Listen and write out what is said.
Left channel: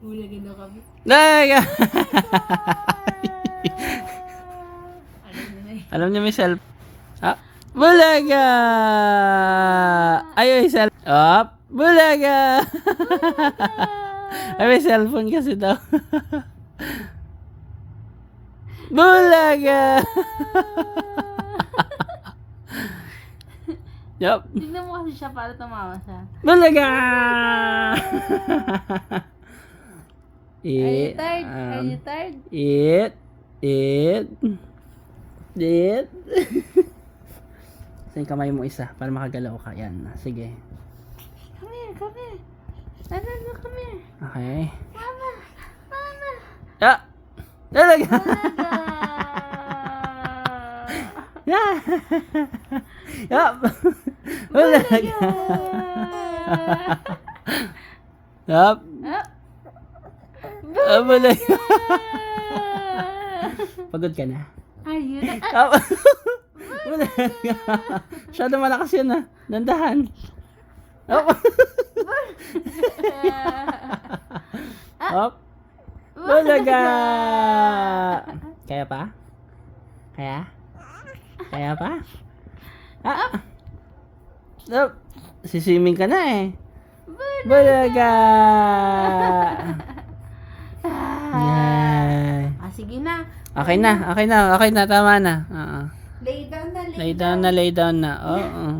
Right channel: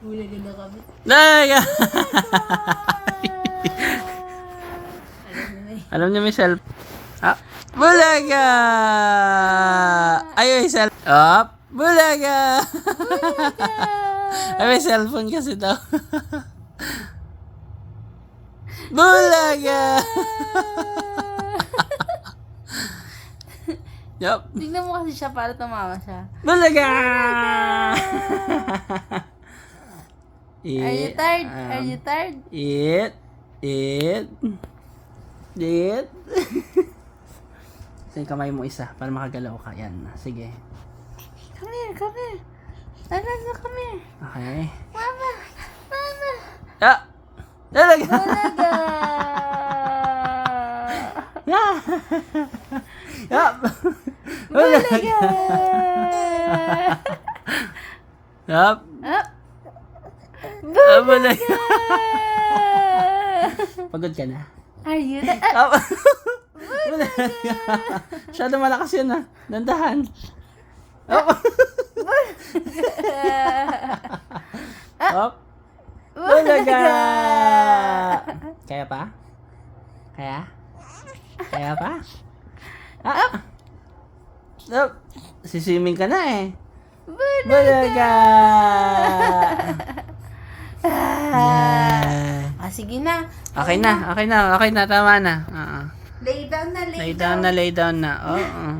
Bulaga na kami. Bulaga! Alam niyo na Alam niyo may self. Ah, Bulaga! Ay, may self. Bulaga! Ay, may cellphone kasi daw. Bulaga! Yup. Tignan mo kasi siya para tumawa siya. Bulaga! Are you tired? Are you tired? Eat. Sa kamay mo isa para makagalaw ka. Yan. Sige. Come here, come here. Ano, come here. Okay. Mama. Bulaga! Bulaga. Yup. Bulaga! Yup. Bulaga! Pagod ka na? Are you tired? Yup. Bulaga! Masyado malakas yun ha. Dandahan. Yup. Yup. Bulaga! Kaya pa? Kaya? Kaya pa? Yup. Siswimming ka na eh. Bulaga! Yan. Sige na. Okay na. Tama na. Lay down na, Lay down na. Oo.